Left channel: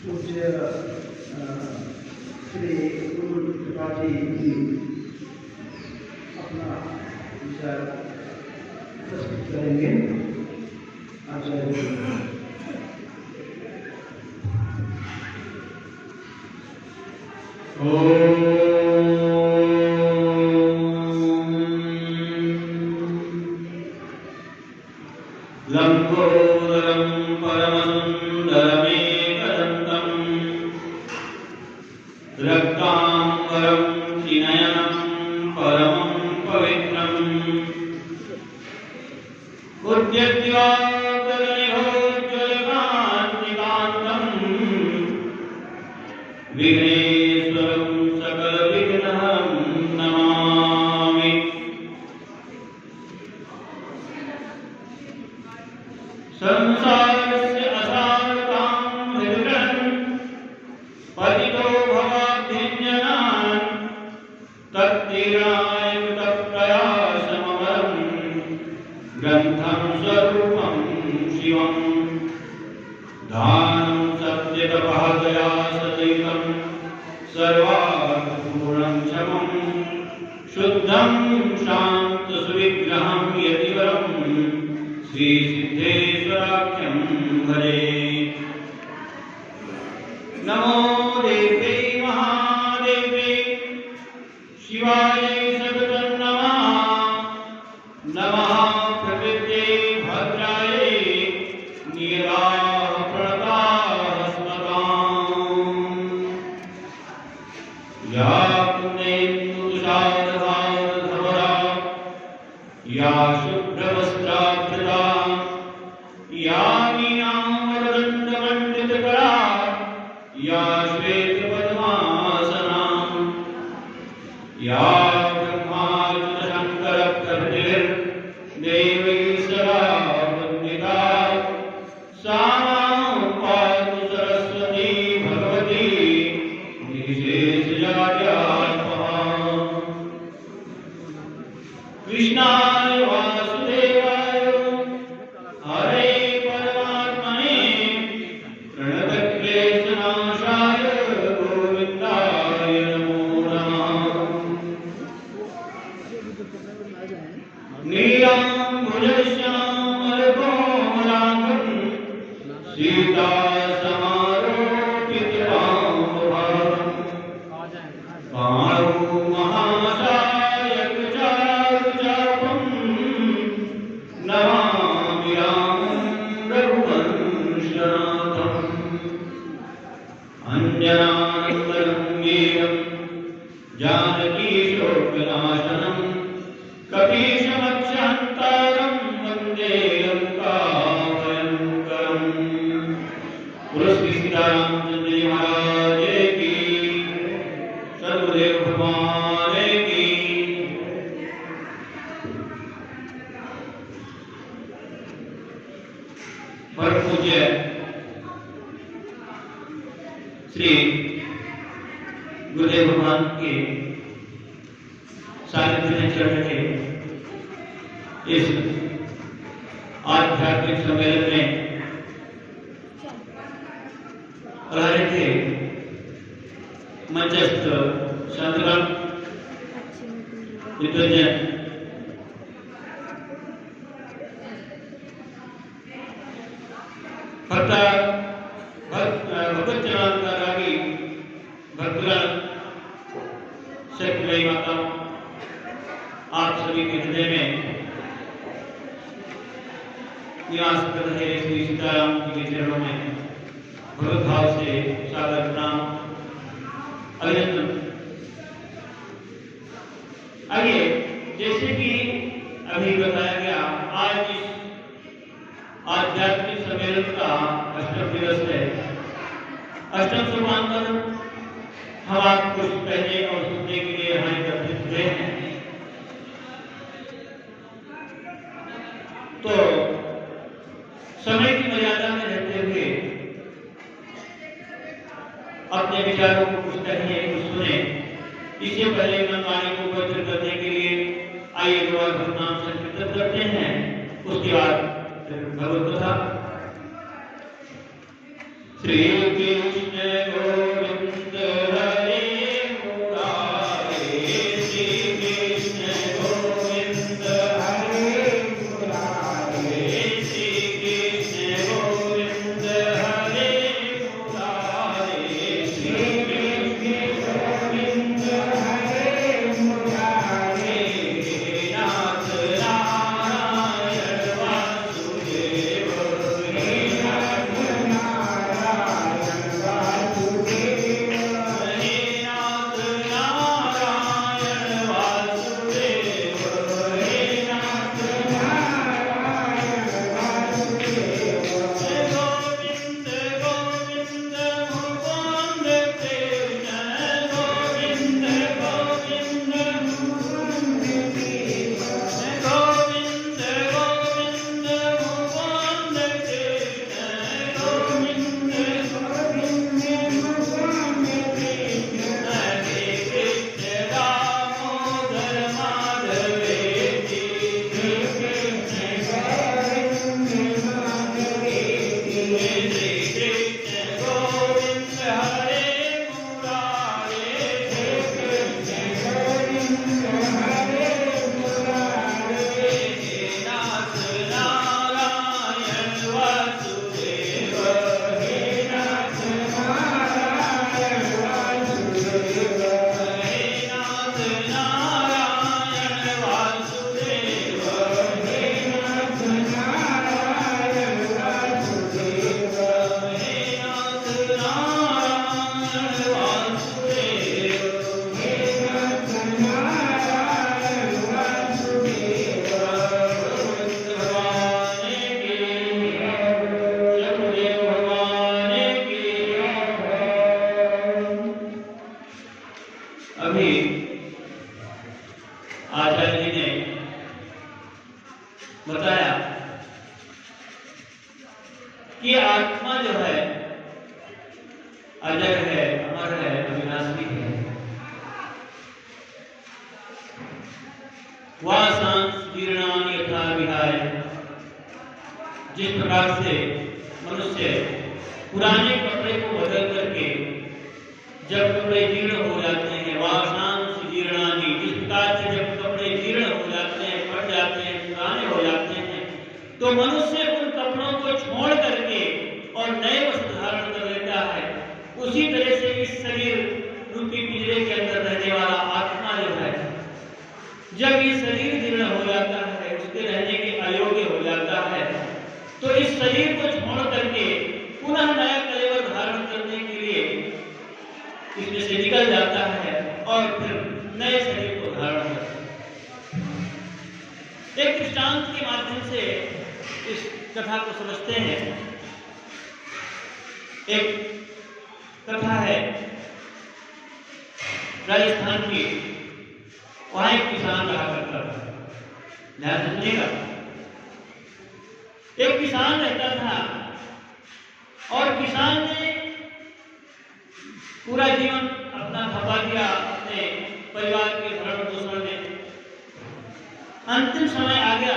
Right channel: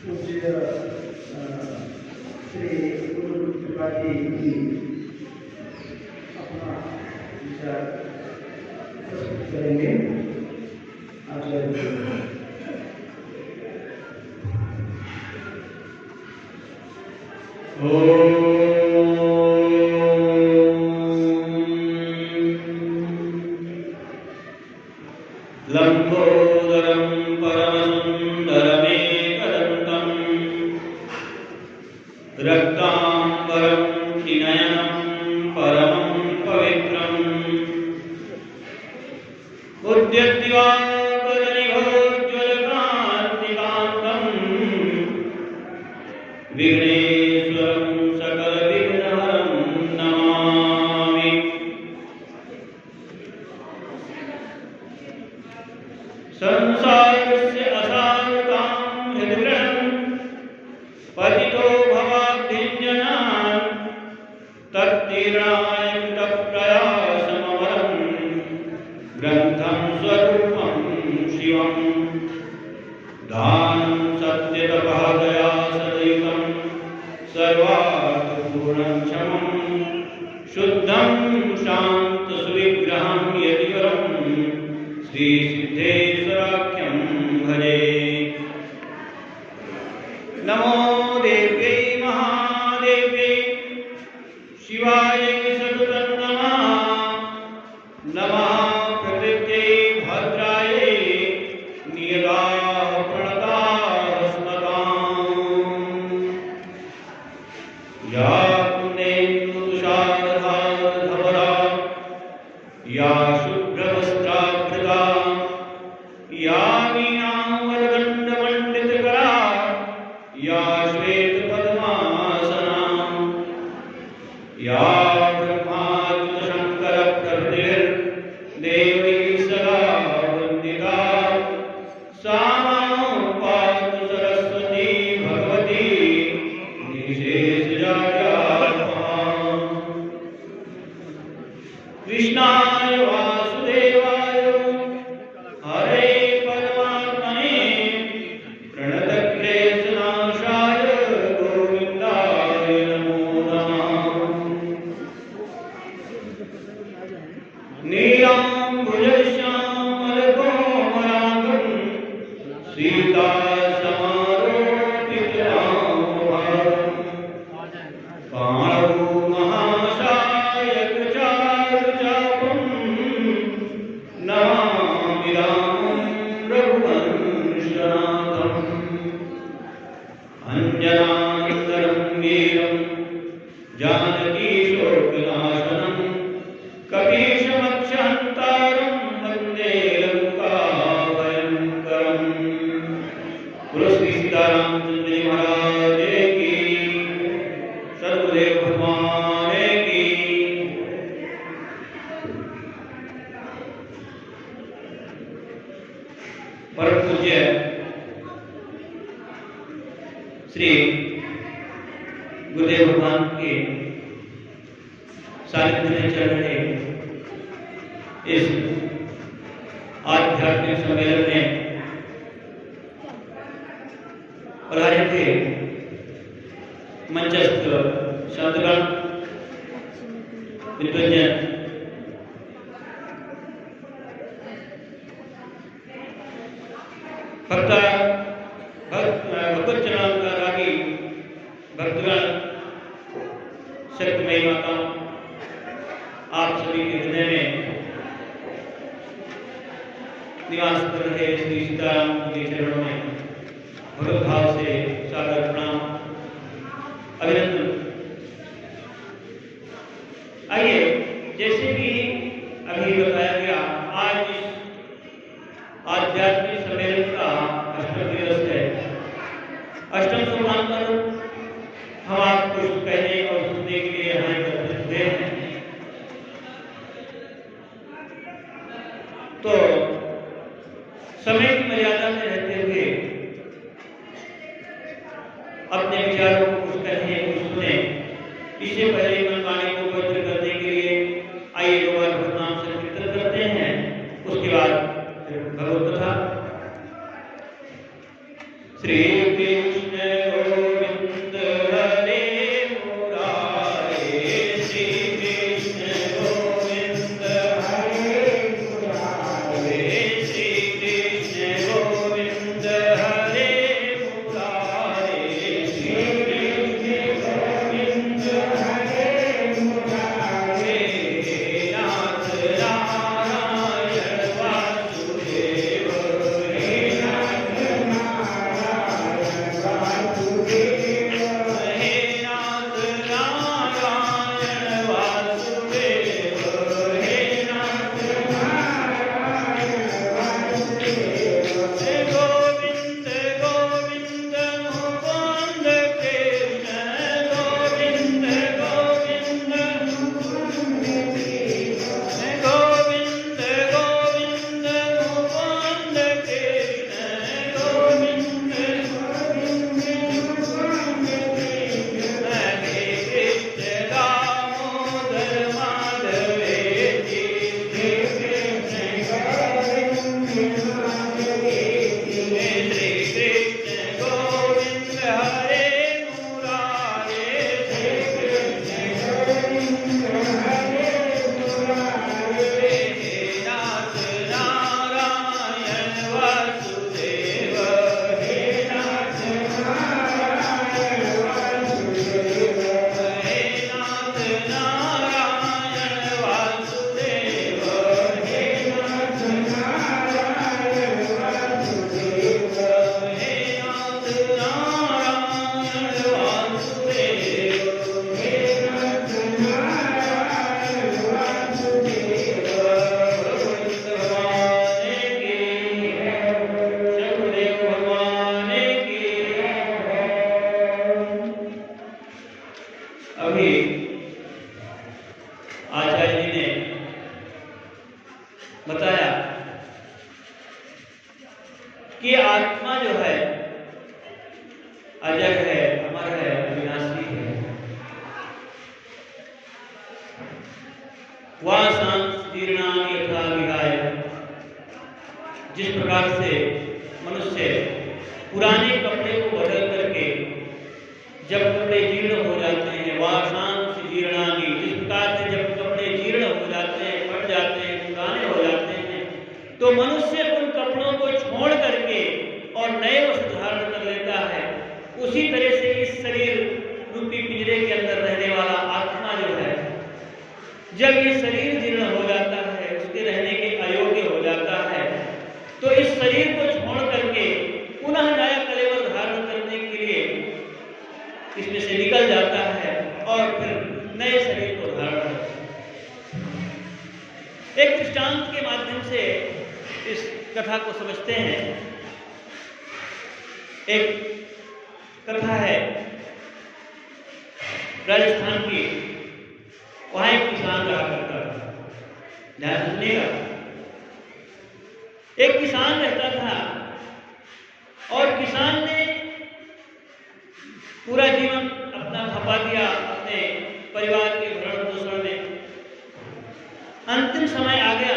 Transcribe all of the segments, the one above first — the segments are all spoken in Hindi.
पूज्य श्री गुरु त्रिपाठी जी अपना विचार प्रस्तुत करेंगे। लंबोदरं परमसुंदरमेकदन्तं रक्तांबरं त्रिनयनं परमं पवित्रम् उद्यद्दिवाकरनिभोज्ज्वलकान्तिकान्तं विघ्नेश्वरं सकलविघ्नहरं नमामि। संसारस्य असारतां हृदयं पतितो भवाब्धिञ्जनान् तत्तीर्णाय तत्प्रयासमवरं ग्रन्थं स्वरूपं शिवं दानं सत्यतपः दया सहितं सर्वार्थपूर्णं क्षमं शुद्धं शान्तसुविग्रहं यतिवरं श्रीसिद्धेश्वराख्यं भजे। नमो देव्यै महादेव्यै शिवायै सततं नमः। नमः प्रकृत्यै भद्रायै नियतायाः प्रणताः स्मताम्। या पुण्येन्दुतुषारहारधवला या शुभ्रवस्त्राभृता या वीणावरदण्डमण्डितकरा या श्वेतपद्मासना या ब्रह्माच्युतशङ्करप्रभृतिर्देवैः सदा वन्दिता सा मां पातु सरस्वती भगवती निर्विशेषजाड्यात्महा। कृष्णाय वासुदेवाय हरे परमात्मने प्रणतक्लेशनाशाय गोविन्दाय नमो नमः। नीलाम्बुजश्यामलकोमलाङ्गं सीतासमारोपितरामभारम् पाणौ महासायकचारुचापं नमामि रामं रघुवंशनाथम्। अञ्जनानन्दनं वीरं जानकीशोकनाशनं कपीशमक्षहन्तारं वन्दे लङ्काभयङ्करम्। पुरस्कृत सीतारामचंद्र जी महाराज की, सर्वदेव भगवान की। परम पूज्य श्री गुरुदेव भगवान के सानिध्य में चल रहे इस आध्यात्मिक सम्मेलन में पधारे थे मंचस्थ संतगण विद्वजन, भगवच्चनारागी भक्तगण, शक्तिमयी माता, आप सभी के हृदय में निवास कर रहे श्री सीताराम जी के चरणों में भगवत भाव से सादर प्रणाम, अभिनंदन। आइए, जैसे कि अभी बताया गया, आज इस आध्यात्मिक सम्मेलन का अष्टम दिवस है। अष्टम सोपान पर हम आप कुछ कहने और सुनने के लिए यहाँ एकत्रित हुए हैं। तो समय की मर्यादा में रहते हुए अपने विचारों को कुछ कहें, कुछ सुने। इससे पहले मनमानी को पवित्र करने के लिए आइए भगवान भगवान से कीर्तन करते हैं, उसके बाद भगवत कथा। श्री कृष्ण गोविंद हरे मुरारे, श्री कृष्ण गोविंद हरे मुरारे, श्री कृष्ण गोविंद हरे मुरारे, श्री कृष्ण गोविंद हरे मुरारे, नाथ नारायण वासुदेव, हे नाथ नारायण वासुदेव, हे नाथ नारायण वासुदेव, हे नाथ नारायण वासुदेव, गोविंद गोविंद मुकुंद कृष्ण, गोविंद गोविंद मुकुंद कृष्ण, गोविंद गोविंद मुकुंद कृष्ण, गोविंद गोविंद मुकुंद कृष्ण, हरे कृष्ण दामोदर माधवेति, श्री कृष्ण गोविंद माधवेति, श्री कृष्ण गोविंद हरे मुरारे, श्री कृष्ण गोविंद हरे मुरारे, नाथ नारायण वासुदेव, हे नाथ नारायण वासुदेव, हे नाथ नारायण वासुदेव, हे नाथ नारायण वासुदेव, हे नाथ नारायण वासुदेव, हे नाथ नारायण वासुदेव, भगवान की चंद्रदेव भगवान की। अभी आचार्य जी ने बताया कि आत्मा जो है अजर है, अमर है, अविनाशी है। वासांस जीर्णानि यथा विहाय, जिस प्रकार से मनुष्य पुराने कपड़े को बदल करके जब कपड़े जीर्ण हो जाते हैं, वासांस जीर्णानि, जिस प्रकार से जब कपड़े जीर्ण हो जाते हैं, फट जाते हैं, पुराने हो जाते हैं, तो मनुष्य उन कपड़ों को छोड़ करके और नए वस्त्र धारण कर लेता है। उसी तरह से इस शरीर रूपी पिंजरे के अंदर रहने वाला आत्मा जो है, जब ये शरीर जीर्ण हो जाता है, उसके रहने के अयोग्य हो जाता है, तो इस शरीर को छोड़ करके पुनः नया कलेवर धारण करने के लिए इसमें से निकल जाता है और फिर नए शरीर को धारण करता है। एक दृष्टांत के माध्यम से इस कथा को समझते हैं। एक कथा है राजस्थान की, वहां एक किसान रहा करता था। ध्यान से सुनिएगा। एक किसान रहता था और किसान ने पूरा जीवन अपना खपा दिया अपने परिवार के भरण पोषण में। अंतिम समय आ गया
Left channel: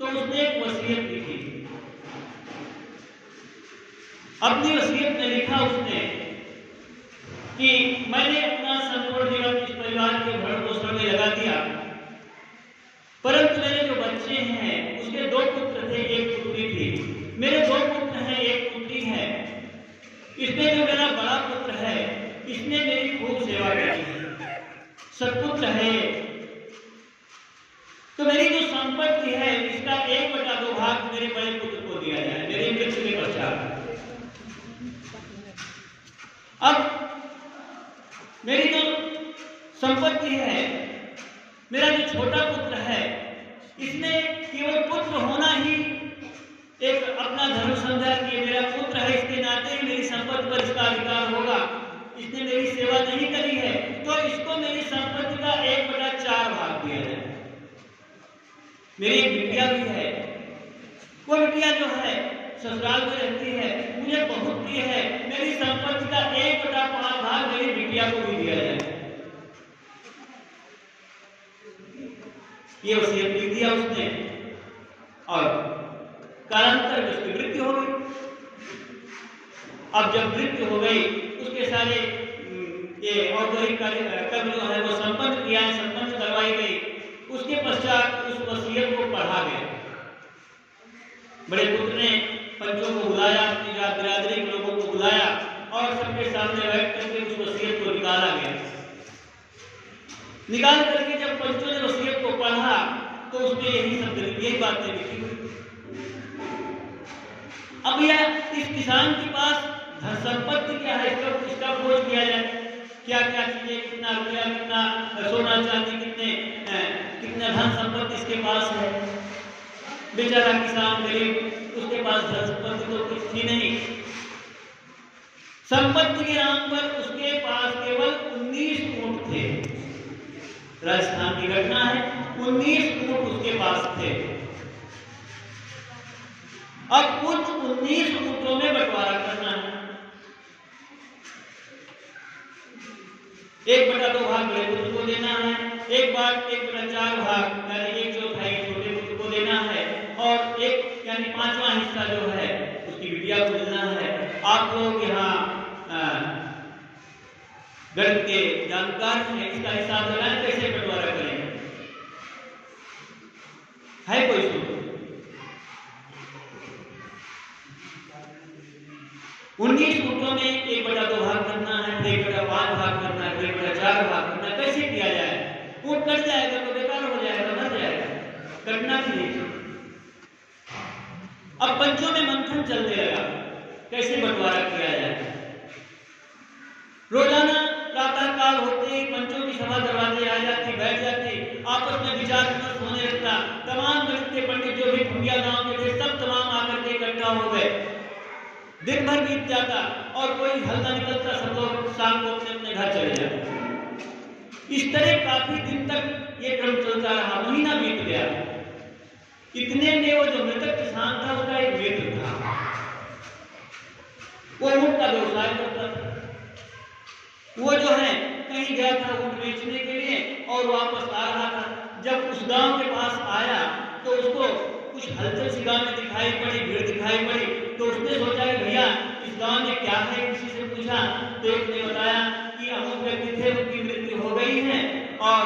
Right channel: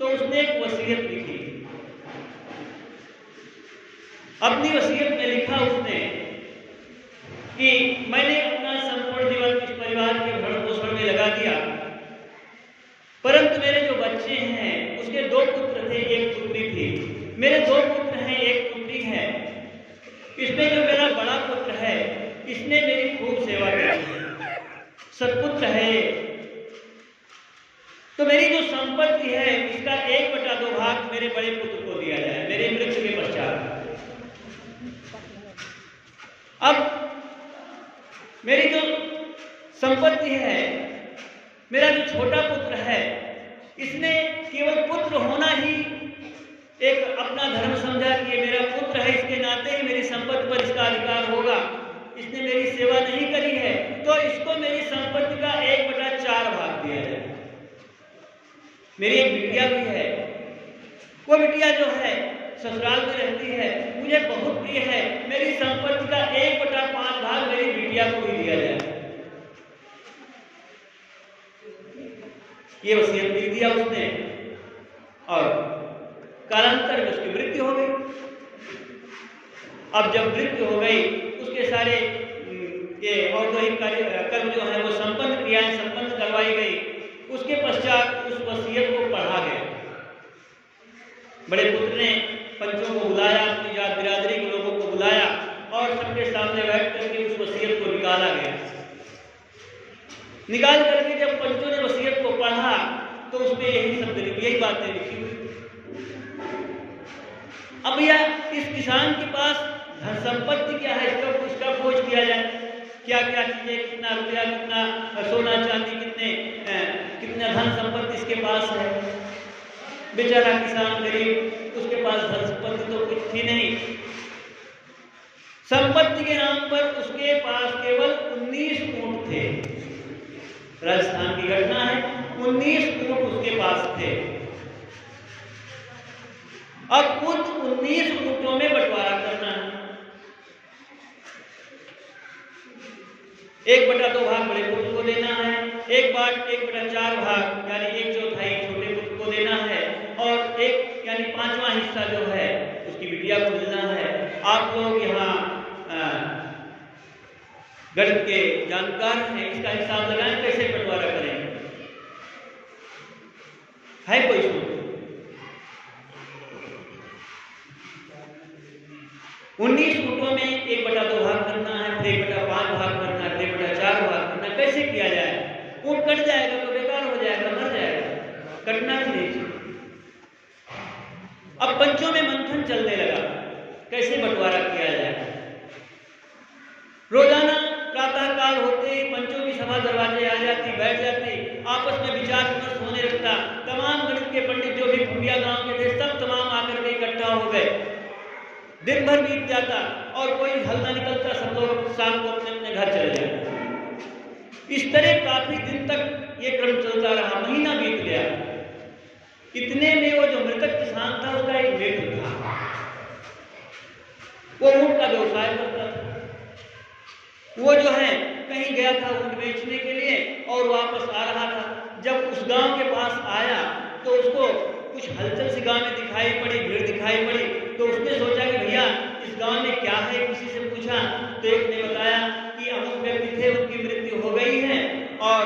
तो उसने एक वसीयत लिखी। अपनी वसीयत में लिखा उसने कि मैंने अपना संपूर्ण जीवन इस परिवार के भरण पोषण में लगा दिया, परंतु मेरे जो बच्चे हैं उसके 2 पुत्र थे, 1 पुत्री थी। मेरे 2 पुत्र हैं, 1 पुत्री है। इसमें जो मेरा बड़ा पुत्र है, इसने मेरी खूब सेवा की, सत्पुत्र है। तो मेरी जो संपत्ति है इसका 1/2 भाग मेरे बड़े पुत्र को दिया जाए, मेरे मृत्यु के पश्चात। अब मेरी जो संपत्ति है, मेरा जो छोटा पुत्र है, इसने केवल पुत्र होना ही एक अपना धर्म समझा कि मेरा पुत्र है, इसके नाते ही मेरी संपत्ति पर इसका अधिकार होगा। इसने मेरी सेवा नहीं करी है, तो इसको मेरी संपत्ति का 1/4 भाग दिया जाए। मेरी एक बिटिया भी है, वो बिटिया जो है ससुराल में रहती है, मुझे बहुत प्रिय है, मेरी संपत्ति का 1/5 भाग मेरी बिटिया को भी दिया जाए। ये वसीयत लिख दिया उसने और कालांतर में उसकी मृत्यु हो गई। अब जब मृत्यु हो गई, उसके सारे ये औद्योगिक कर्म जो है वो संपन्न क्रियाएं संपन्न करवाई गई। उसके पश्चात उस वसीयत को पढ़ा गया। बड़े पुत्र ने पंचों को बुलाया, अपनी जात बिरादरी के लोगों को बुलाया और सबके सामने बैठ करके उस वसीयत को निकाला गया। निकाल करके जब पंचों ने वसीयत को पढ़ा तो उसमें यही शब्द यही बातें लिखी हुई। अब यह इस किसान के पास धन संपत्ति क्या है, इसका खोज किया जाए। क्या क्या चीजें, कितना रुपया, कितना सोना चांदी, कितना धन संपत्ति इसके पास है। बेचारा किसान गरीब, उसके पास धन संपत्ति तो कुछ थी नहीं। संपत्ति के नाम पर उसके पास केवल 19 ऊंट थे। राजस्थान की घटना है, 19 ऊंट उसके पास थे। अब उन 19 ऊंटों में बंटवारा करना है। 1/2 भाग बड़े पुत्र को देना है, 1/4 भाग यानी 1/4 छोटे पुत्र को देना है और 1 यानी 5वां हिस्सा जो है उसकी बिटिया को मिलना है। आप लोग यहाँ गणित के जानकार हैं, इसका हिसाब लगाएं कैसे बंटवारा करेंगे। है कोई सूत्र? 19 ऊंटों में 1/2 भाग करना है, फिर 1/5 भाग करना है, फिर 1/4 भाग करना है। कैसे किया जाए? ऊंट कट जाएगा तो बेकार हो जाएगा, मर जाएगा, कटना भी नहीं। अब पंचों में मंथन चलने लगा, कैसे बंटवारा किया जाए। रोजाना प्रातः काल होते ही पंचों की सभा दरवाजे आ जाती, बैठ जाती, आपस में विचार विमर्श होने लगता। तमाम गणित के पंडित जो भी भुंडिया गांव के थे सब तमाम आकर के इकट्ठा हो गए। दिन भर बीत जाता और कोई हल न निकलता, सब लोग शाम को अपने अपने घर चले जाते। इस तरह काफी दिन तक ये क्रम चलता रहा, महीना बीत गया। इतने में वो जो मृतक किसान था उसका एक मित्र था, वो ऊंट का व्यवसाय करता था। वो जो है कहीं गया था ऊंट बेचने के लिए और वापस आ रहा था। जब उस गांव के पास आया तो उसको कुछ हलचल सी गांव में दिखाई पड़ी, भीड़ दिखाई पड़ी। तो उसने सोचा कि भैया इस गांव में क्या है, किसी से पूछा तो एक ने बताया कि अमुक व्यक्ति थे, उनकी मृत्यु हो गई है और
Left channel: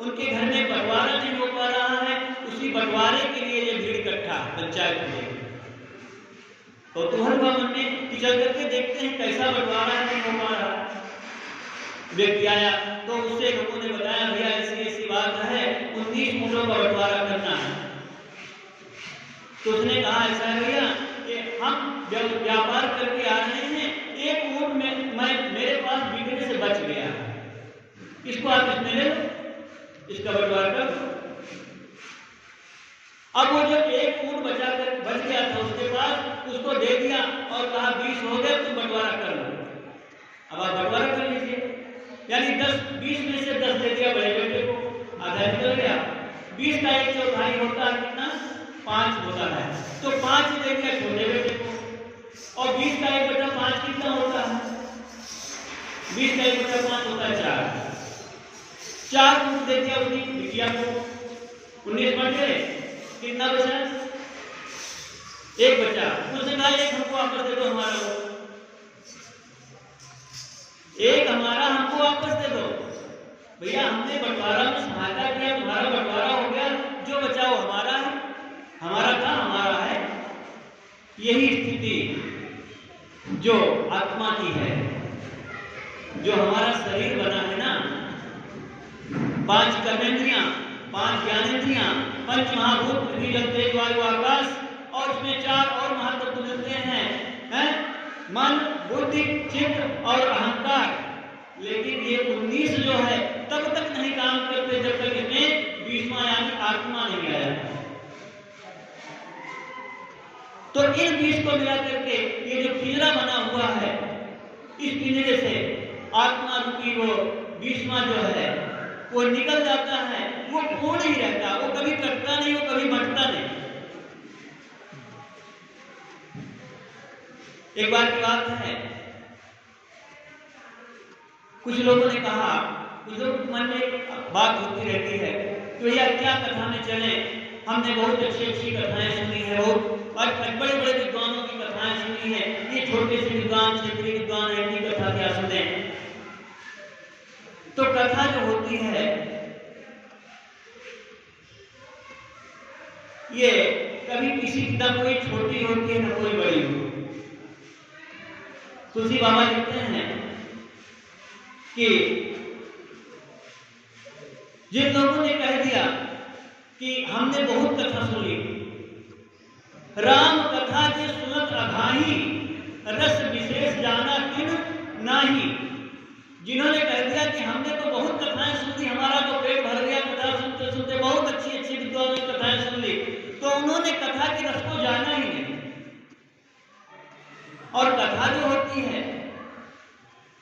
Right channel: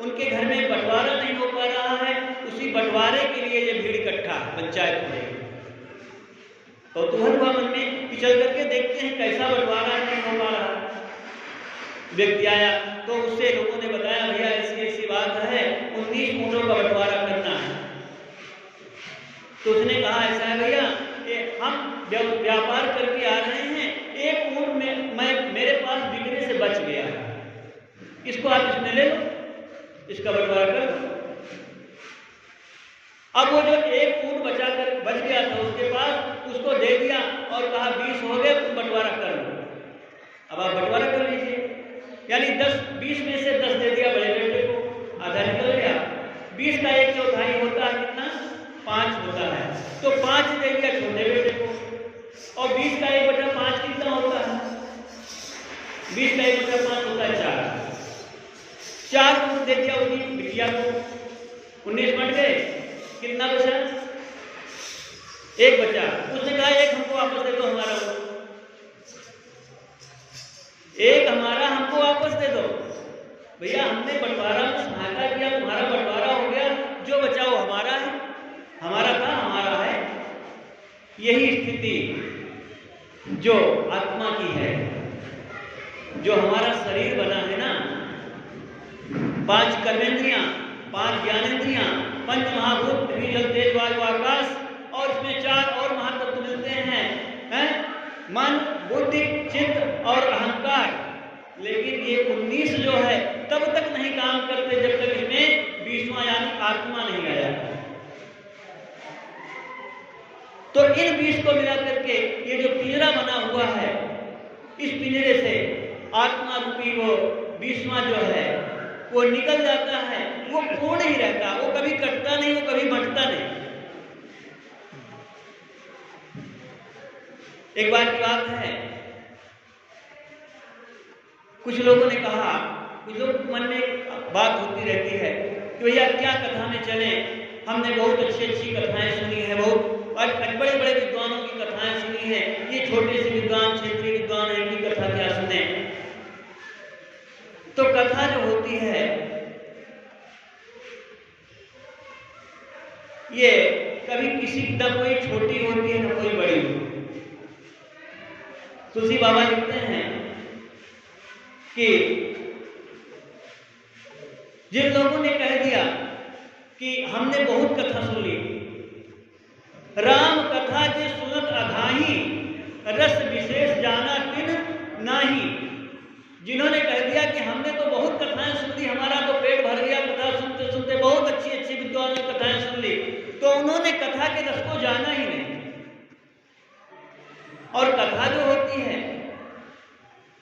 उनके घर में बंटवारा नहीं हो पा रहा है, उसी बंटवारे के लिए ये भीड़ इकट्ठा पंचायत में। तो तुहर हुआ मन में कि चल करके देखते हैं कैसा बंटवारा नहीं हो पा रहा। व्यक्ति आया तो उससे लोगों ने बताया भैया ऐसी ऐसी बात है, 19 ऊंटों का बंटवारा करना है। तो उसने कहा ऐसा है भैया हम व्यापार करके आ रहे हैं, एक ऊंट में मेरे पास बिकने से बच गया, इसको आप इसमें ले लो, इसका बंटवारा कर दो। अब वो जो एक ऊंट बच गया था उसके पास, उसको दे दिया और कहा 20 हो गए, तुम बंटवारा कर लो। अब आप बंटवारा कर लीजिए, यानी 20 में से 10 दे दिया बड़े बेटे को, आधा निकल गया। 20 का 1/4 होता है कितना? 5 होता है, तो 5 दे दिया छोटे बेटे को। और 20 का 1/5 कितना होता है? 20 का 1/5 होता है 4 दे दिया उसकी बिटिया को। 19 बन गए, कितना बचा? 1 बचा। उसने कहा 1 हमको वापस दे दो, हमारा वो 1 हमारा हमको वापस दे दो। भैया हमने बंटवारा में सहायता किया, तुम्हारा बंटवारा हो गया, जो बचा वो हमारा है, हमारा था हमारा है। यही स्थिति जो आत्मा की है, जो हमारा शरीर बना है ना, 5 कर्मेंद्रियां, 5 ज्ञानेंद्रियां, 5 महाभूत पृथ्वी जल तेज वायु आकाश, और इसमें 4 और महातत्व मिलते हैं मन, बुद्धि, चित्त और अहंकार। लेकिन ये 19 जो है तब तक नहीं काम करते जब तक इसमें 20वां यानी आत्मा नहीं आया। तो इन 20 को मिला करके ये जो पिंजरा बना हुआ है, इस पिंजरे से आत्मा रूपी वो 20वां जो है वो निकल जाता है। वो पूर्ण ही रहता, वो कभी कटता नहीं, वो कभी बंटता नहीं। एक बार की बात है, कुछ लोगों ने कहा, कुछ लोग मन में बात होती रहती है कि भैया क्या कथा में चले, हमने बहुत अच्छी अच्छी कथाएं सुनी है, बहुत बड़े बड़े विद्वानों की कथाएं सुनी है, ये छोटे से विद्वान क्षेत्रीय विद्वान है कि कथा क्या सुने। तो कथा जो होती है ये कभी किसी की न कोई छोटी होती है न कोई बड़ी होती है। तुलसी बाबा लिखते हैं कि जिन लोगों ने कह दिया कि हमने बहुत कथा सुन ली, राम कथा जे सुनत अघाही, रस विशेष जाना किन नाही। जिन्होंने कह दिया कि हमने तो बहुत कथाएं सुन ली, हमारा तो पेट भर गया कथा सुनते सुनते, बहुत अच्छी अच्छी विद्वानों की कथाएं सुन ली, तो उन्होंने कथा के रस को जाना ही नहीं। और कथा जो होती है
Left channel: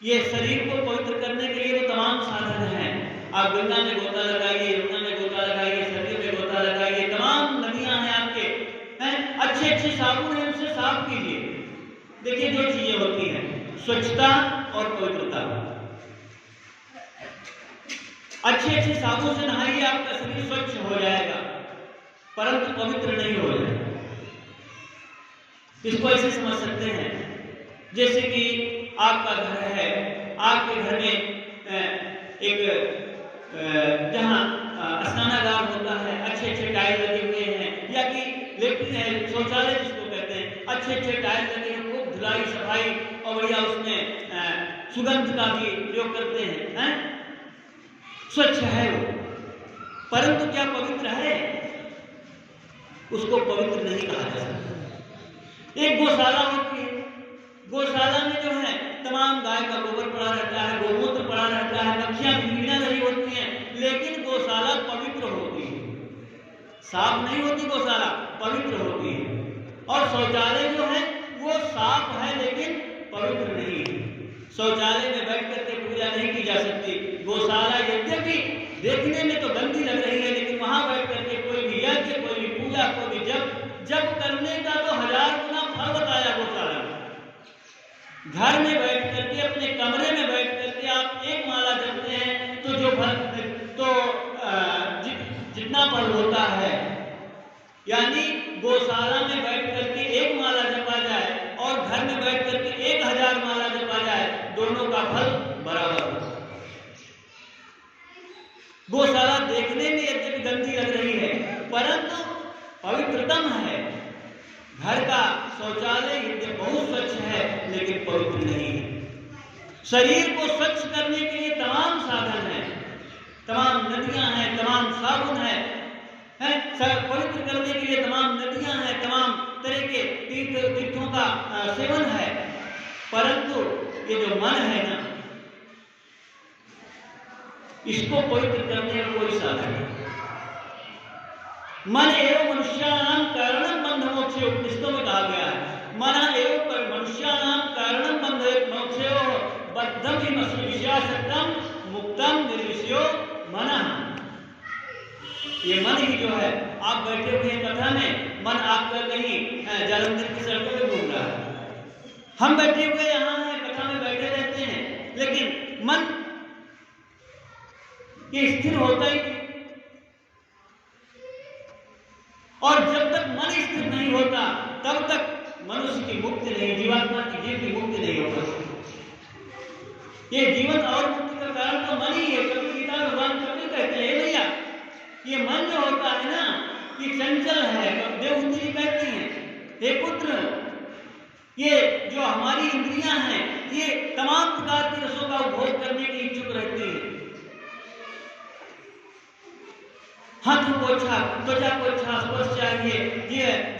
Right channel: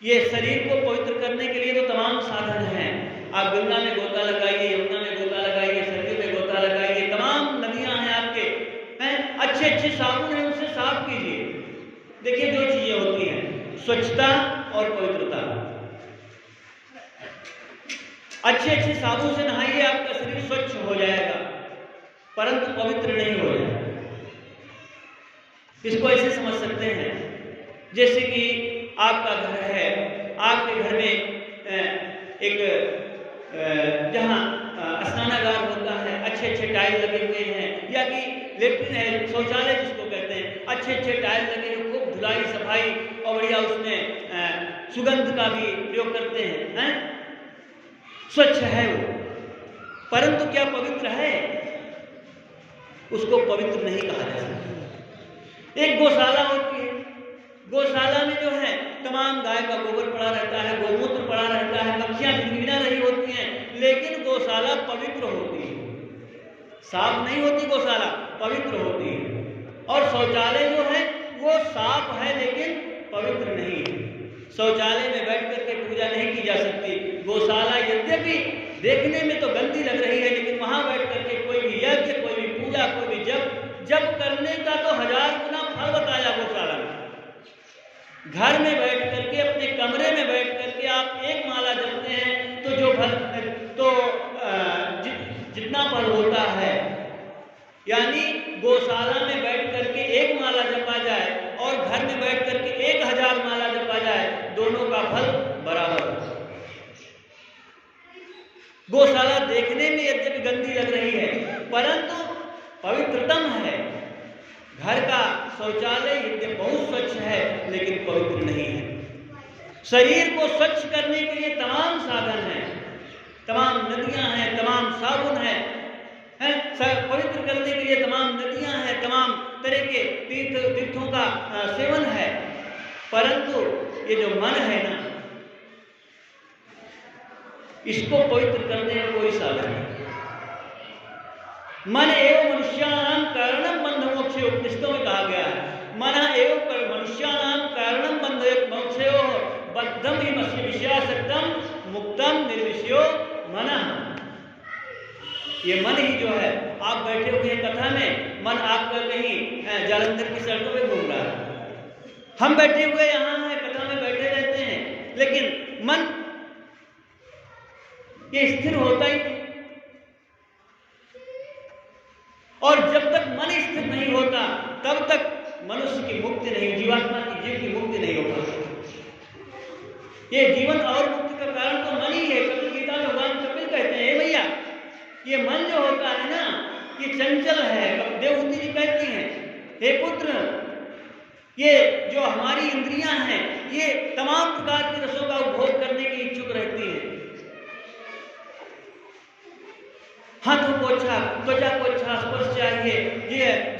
ये शरीर को पवित्र करने के लिए तो तमाम साधन हैं। आप गंगा में गोता लगाइए, यमुना में गोता लगाइए, सरयू में गोता लगाइए, तमाम नदियां हैं आपके, हैं अच्छे अच्छे साबुन हैं, उनसे साफ कीजिए। देखिए जो चीजें होती हैं स्वच्छता और पवित्रता, अच्छे अच्छे साबुन से नहाइए, आपका शरीर स्वच्छ हो जाएगा, परंतु पवित्र नहीं हो जाएगा। इसको ऐसे समझ सकते हैं जैसे कि आपका घर है, आपके घर में एक जहाँ स्नानागार होता है, अच्छे अच्छे टाइल लगे हुए हैं, या कि लेट्रिन है, शौचालय जिसको कहते हैं, अच्छे अच्छे टाइल लगे हैं, खूब धुलाई सफाई, और भैया उसमें सुगंध का भी प्रयोग करते हैं, स्वच्छ है वो, परंतु क्या पवित्र है? उसको पवित्र नहीं कहा जा सकता। एक गौशाला होती है, गौशाला में जो है तमाम गाय का गोबर पड़ा रहता है, गोमूत्र पड़ा रहता है, मक्खियां भिनभिना रही होती हैं, लेकिन गौशाला पवित्र होती है, साफ नहीं होती गौशाला, पवित्र होती है। और शौचालय जो है वो साफ है लेकिन पवित्र नहीं है। शौचालय में बैठ करके पूजा नहीं की जा सकती। गौशाला यद्यपि देखने में तो गंदी लग रही है, लेकिन वहां बैठ करके कोई भी यज्ञ, कोई भी पूजा, कोई भी जप करने का तो 1000 गुना फल बताया गौशाला में। घर में बैठ करके, अपने कमरे में बैठ करके आप एक माला जपते हैं तो जो फल तो जितना फल होता है, यानी गौशाला में बैठ करके एक माला जपा जाए और घर में बैठ करके 1000 माला जपा जाए, दोनों का फल बराबर होता है। गौशाला देखने में यद्यपि गंदी लग रही है, परंतु पवित्रतम है। घर का शौचालय यद्यपि बहुत स्वच्छ है लेकिन पवित्र नहीं है। शरीर को स्वच्छ करने के लिए तमाम साधन हैं, तमाम नदियां हैं, तमाम साबुन हैं, पवित्र करने के लिए तमाम नदियां हैं, तमाम तरह के तीर्थों का सेवन है, परंतु ये जो मन है ना, इसको पवित्र करने में कोई साधन नहीं। मन एवं मनुष्याणाम कारणम बंध मोक्षे, उपनिषदों में कहा गया है, मन एवं मनुष्याणाम कारणम बंध मोक्षे बद्धम ही विषयासक्तम मुक्तम निर्विषयो मन। ये मन ही जो है, आप बैठे हुए कथा में, मन आपका कहीं जालंधर की सड़कों में घूम रहा है, हम बैठे हुए यहाँ हैं, कथा में बैठे रहते हैं, लेकिन मन ये स्थिर होता ही नहीं। और जब तक मन स्थिर नहीं होता तब तक मनुष्य की मुक्ति नहीं, जीवात्मा की जीव की मुक्ति नहीं हो पाती। ये जीवन और मुक्ति का कारण तो मन ही है। कपिल गीता में भगवान कपिल कहते हैं, भैया ये मन जो होता है ना, ये चंचल है। देवहूति जी कहती हैं, हे पुत्र, ये जो हमारी इंद्रियां हैं ये तमाम प्रकार के रसों का उपभोग करने की इच्छुक रहती हैं। हाथों को अच्छा, त्वचा को अच्छा स्पर्श चाहिए,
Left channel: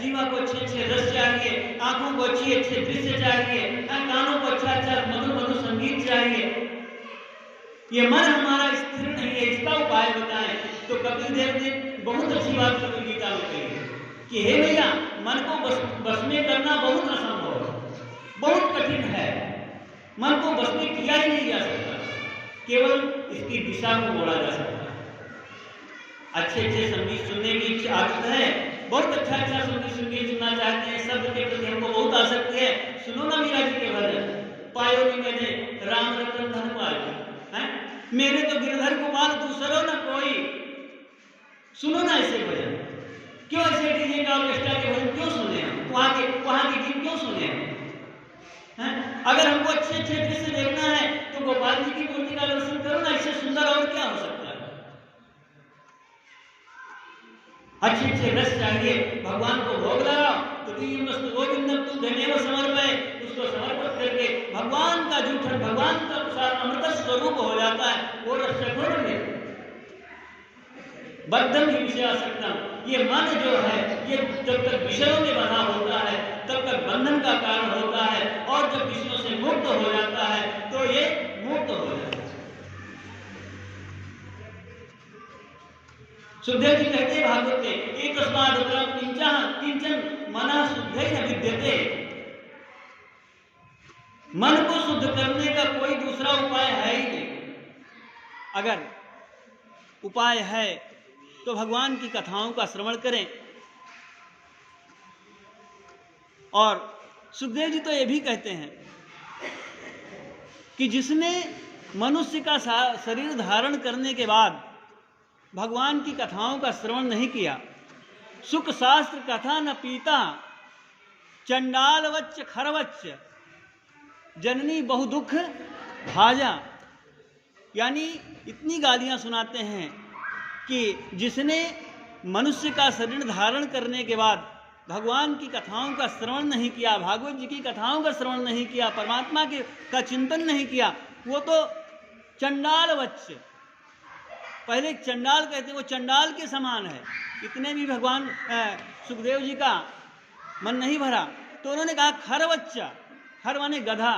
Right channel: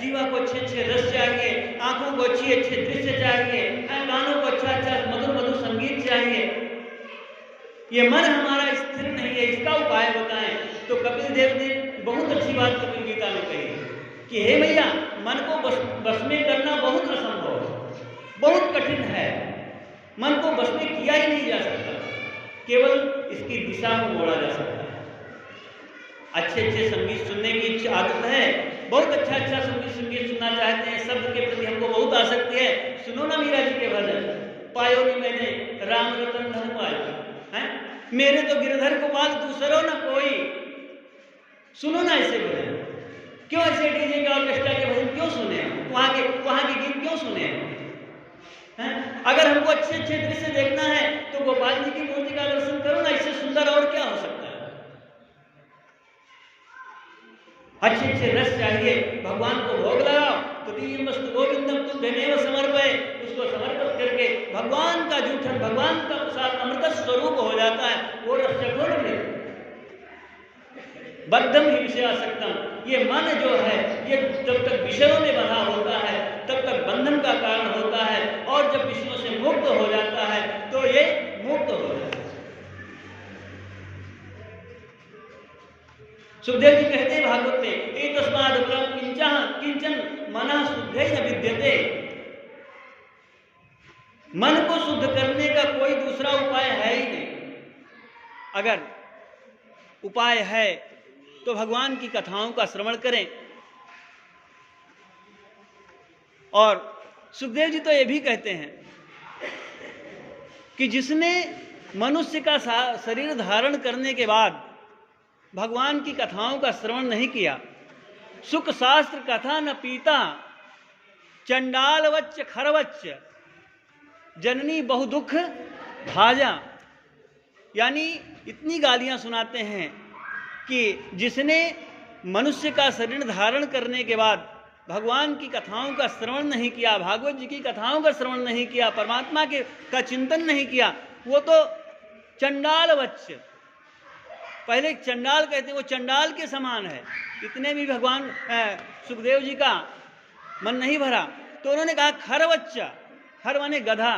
जीवा को अच्छे अच्छे रस चाहिए, आंखों को अच्छे अच्छे दृश्य चाहिए, कानों को अच्छा अच्छा मधुर मधुर संगीत चाहिए। ये मन हमारा स्थिर नहीं है, इसका उपाय बताएं। तो कपिल देव ने बहुत अच्छी बात कपिल गीता में कही है कि हे भैया, मन को बस में करना बहुत असंभव है, बहुत कठिन है। मन को बस में किया ही नहीं जा सकता, केवल इसकी दिशा को मोड़ा जा सकता है। अच्छे अच्छे संगीत सुनने की इच्छा आदत है, बहुत अच्छा अच्छा संगीत सुनना चाहते हैं, शब्द के प्रति हमको बहुत आसक्ति है। सुनो ना मीरा जी के भजन, पायो नहीं मैंने राम रतन धन पायो, मेरे तो गिरधर गोपाल दूसरो ना कोई। सुनो ना ऐसे भजन, क्यों ऐसे डीजे के ऑर्केस्ट्रा के भजन क्यों सुने, वहाँ के गीत क्यों सुने? अगर हमको अच्छे अच्छे दृश्य देखना है तो गोपाल जी की मूर्ति का दर्शन करो ना, इससे सुंदर और क्या हो सकता है। अच्छे अच्छे रस चाहिए, भगवान को भोग लगाओ, तदीयमस्तु गोविंदम तुम धन्यव समर्पय, उसको समर्पित करके भगवान का जूठन, भगवान का प्रसाद अमृत स्वरूप हो जाता है। वो रस चखो न ले बद्धम ही विषयासक्तम, ये मन जो है ये जब तक विषयों में बना होता है तब तक बंधन का कारण होता है, और जब विषयों से मुक्त हो जाता है तो ये मुक्त हो जाता है। सुखदेव जी कहते हैं भागवत में, एक तस्माद किंचन मना शुद्धै न विद्यते, मन को शुद्ध करने का कोई दूसरा उपाय है ही नहीं। अगर उपाय है तो भगवान की कथाओं का श्रवण करें। और सुखदेव जी तो ये भी कहते हैं कि जिसने मनुष्य का शरीर धारण करने के बाद भगवान की कथाओं का श्रवण नहीं किया, सुख शास्त्र कथा न पीता, चंडालवच्च खरवच्च, जननी बहु दुख भाजा। यानी इतनी गालियां सुनाते हैं कि जिसने मनुष्य का शरीर धारण करने के बाद भगवान की कथाओं का श्रवण नहीं किया, भागवत जी की कथाओं का श्रवण नहीं किया, परमात्मा के का चिंतन नहीं किया, वो तो चंडालवच्च, पहले चंडाल कहते हैं, वो चंडाल के समान है। इतने भी भगवान सुखदेव जी का मन नहीं भरा तो उन्होंने कहा खरवच्चा, खर माने गधा,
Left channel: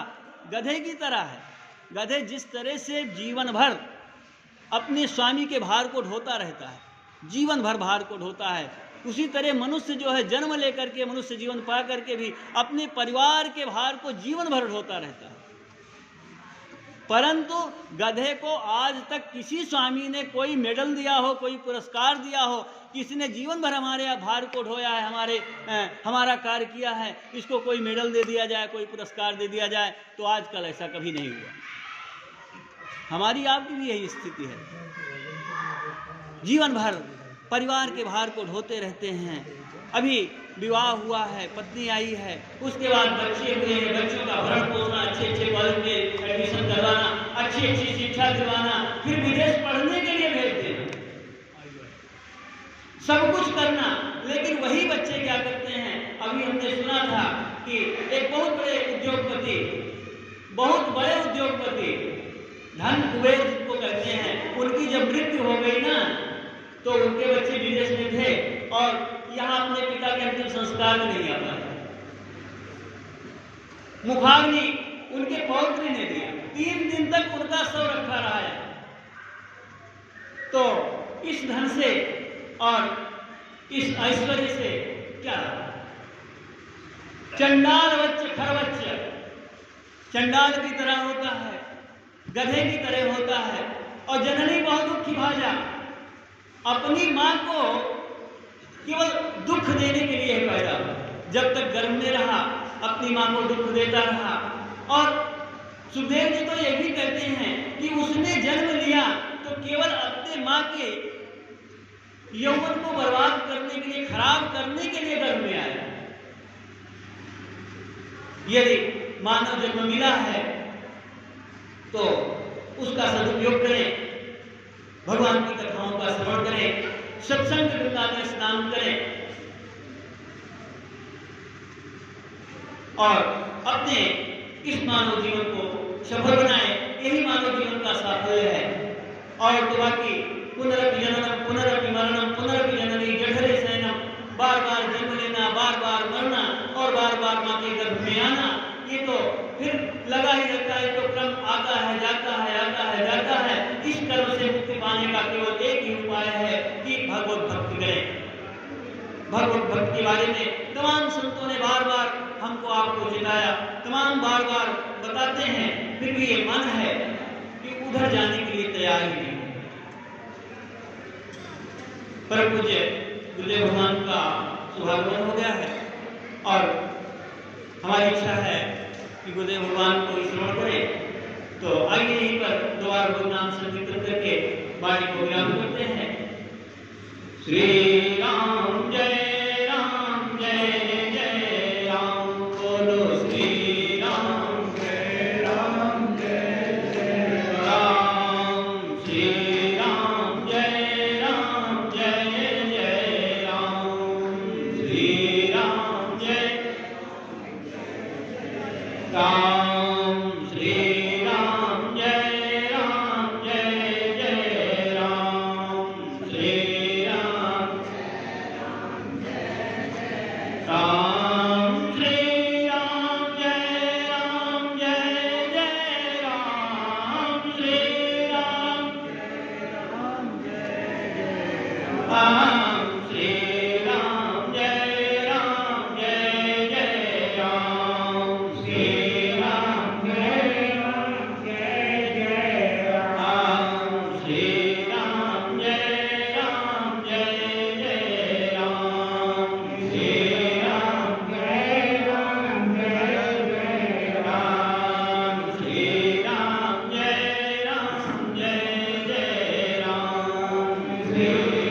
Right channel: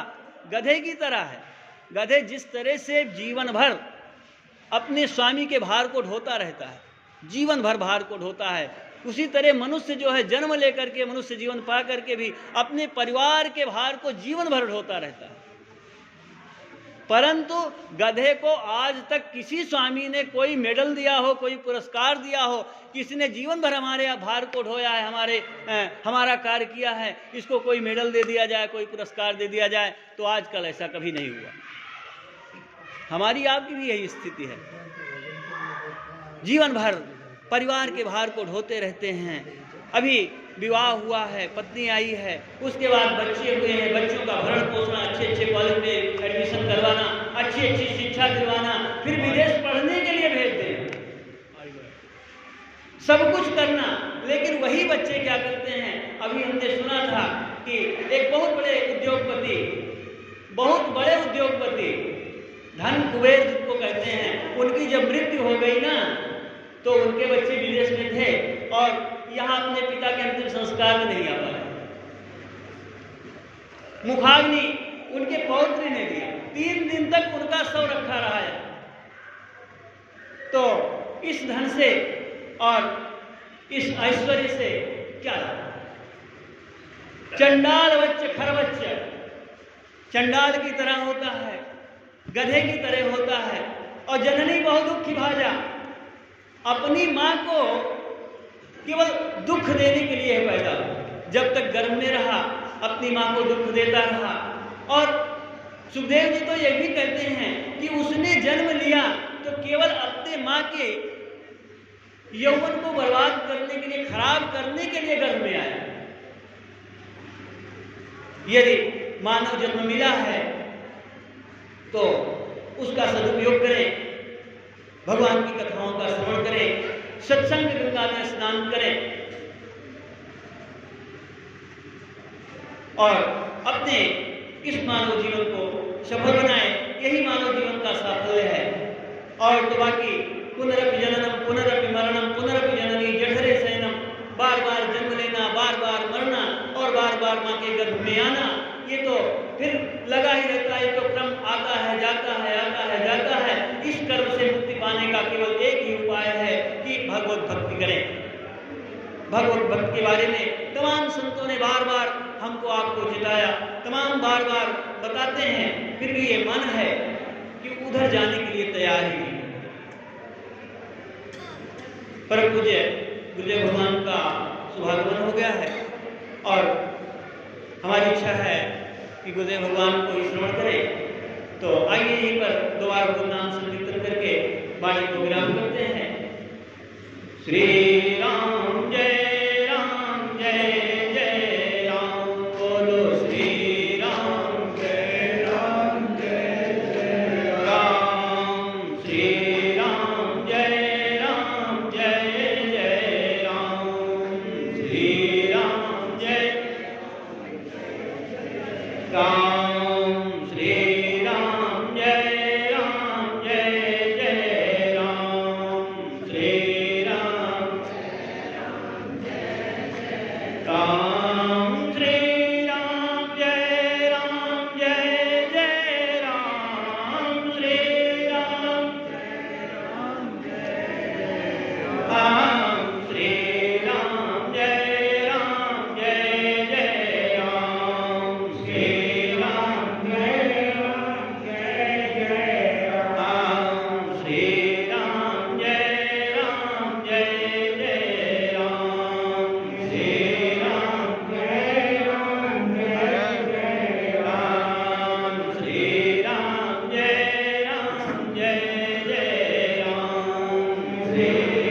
गधे की तरह है। गधे जिस तरह से जीवन भर अपने स्वामी के भार को ढोता रहता है, जीवन भर भार को ढोता है, उसी तरह मनुष्य जो है जन्म लेकर के, मनुष्य जीवन पा करके भी अपने परिवार के भार को जीवन भर ढोता रहता है। परंतु गधे को आज तक किसी स्वामी ने कोई मेडल दिया हो, कोई पुरस्कार दिया हो, किसी ने जीवन भर हमारे भार को ढोया है, हमारा कार्य किया है, इसको कोई मेडल दे दिया जाए, कोई पुरस्कार दे दिया जाए, तो आजकल ऐसा कभी नहीं हुआ। हमारी आपकी भी यही स्थिति है, जीवन भर परिवार के भार को ढोते रहते हैं। अभी विवाह हुआ है, पत्नी आई है, उसके बाद बच्चे हुए हैं, बच्चों का भरण पोषण, अच्छे अच्छे कॉलेज में एडमिशन करवाना, अच्छी अच्छी शिक्षा दिलवाना, फिर विदेश पढ़ने के लिए भेज देना, सब कुछ करना। लेकिन वही बच्चे क्या करते हैं, अभी हमने सुना था कि एक बहुत बड़े उद्योगपति धन कुबेर जिसको कहते हैं, उनकी जब मृत्यु हो गई ना, तो उनके बच्चे विदेश में थे और यहाँ अपने पिता के अंतिम संस्कार में नहीं आ पाए। मुखाग्नि उनके पौत्र ने दिया, 3 दिन तक उनका शव रखा रहा है। तो इस धन से और इस ऐश्वर्य से क्या लाभ? चंडालवच्च खरवच्च, चंडाल की तरह होता है, गधे की तरह होता है। और जननी बहुत दुखी भाजा, अपनी मां को केवल दुख देने के लिए पैदा हुआ, जब तक गर्भ में रहा अपनी मां को दुख देता रहा। और सुखदेव जी तो ये भी कहते हैं कि उसने जन्म लिया तो केवल अपने मां के यौवन को बर्बाद करने के लिए, खराब करने के लिए गर्भ में आया। यदि मानव जन्म मिला है तो उसका सदुपयोग करें, भगवान की कथाओं का श्रवण करें, सत्संग गंगा में स्नान करें और अपने इस मानव जीवन को सफल बनाएं। यही मानव जीवन का साफल्य है। और तो बाकी पुनरपि जननम पुनरपि मरणम पुनरपि जननी जठरे शयनम, बार बार जन्म लेना, बार बार मरना और बार बार मां के गर्भ में आना, ये तो फिर लगा ही रहता है। तो क्रम आता है जाता है, आता है जाता है। इस कर्म से मुक्ति पाने का केवल एक ही उपाय है कि भगवत भक्ति करें। भगवत भक्ति के बारे में तमाम संतों ने बार बार हमको आपको चिताया, तमाम बार बार बताते हैं, फिर भी ये मन है कि उधर जाने के लिए तैयार ही नहीं। परम पूज्य गुरुदेव भगवान का शुभागमन हो गया है और हमारी इच्छा है कि गुरुदेव भगवान को श्रवण करें। तो आइए यहीं पर दोबारा गुरु नाम संकीर्तन करके वाणी को विराम करते हैं। श्री राम जय राम, जय जय राम, बोलो श्री राम जय राम श्री राम जय राम श्री राम राम श्री राम जय राम श्री राम राम श्री राम जय राम श्री राम श्री राम जय राम श्री राम राम श्री राम जय राम श्री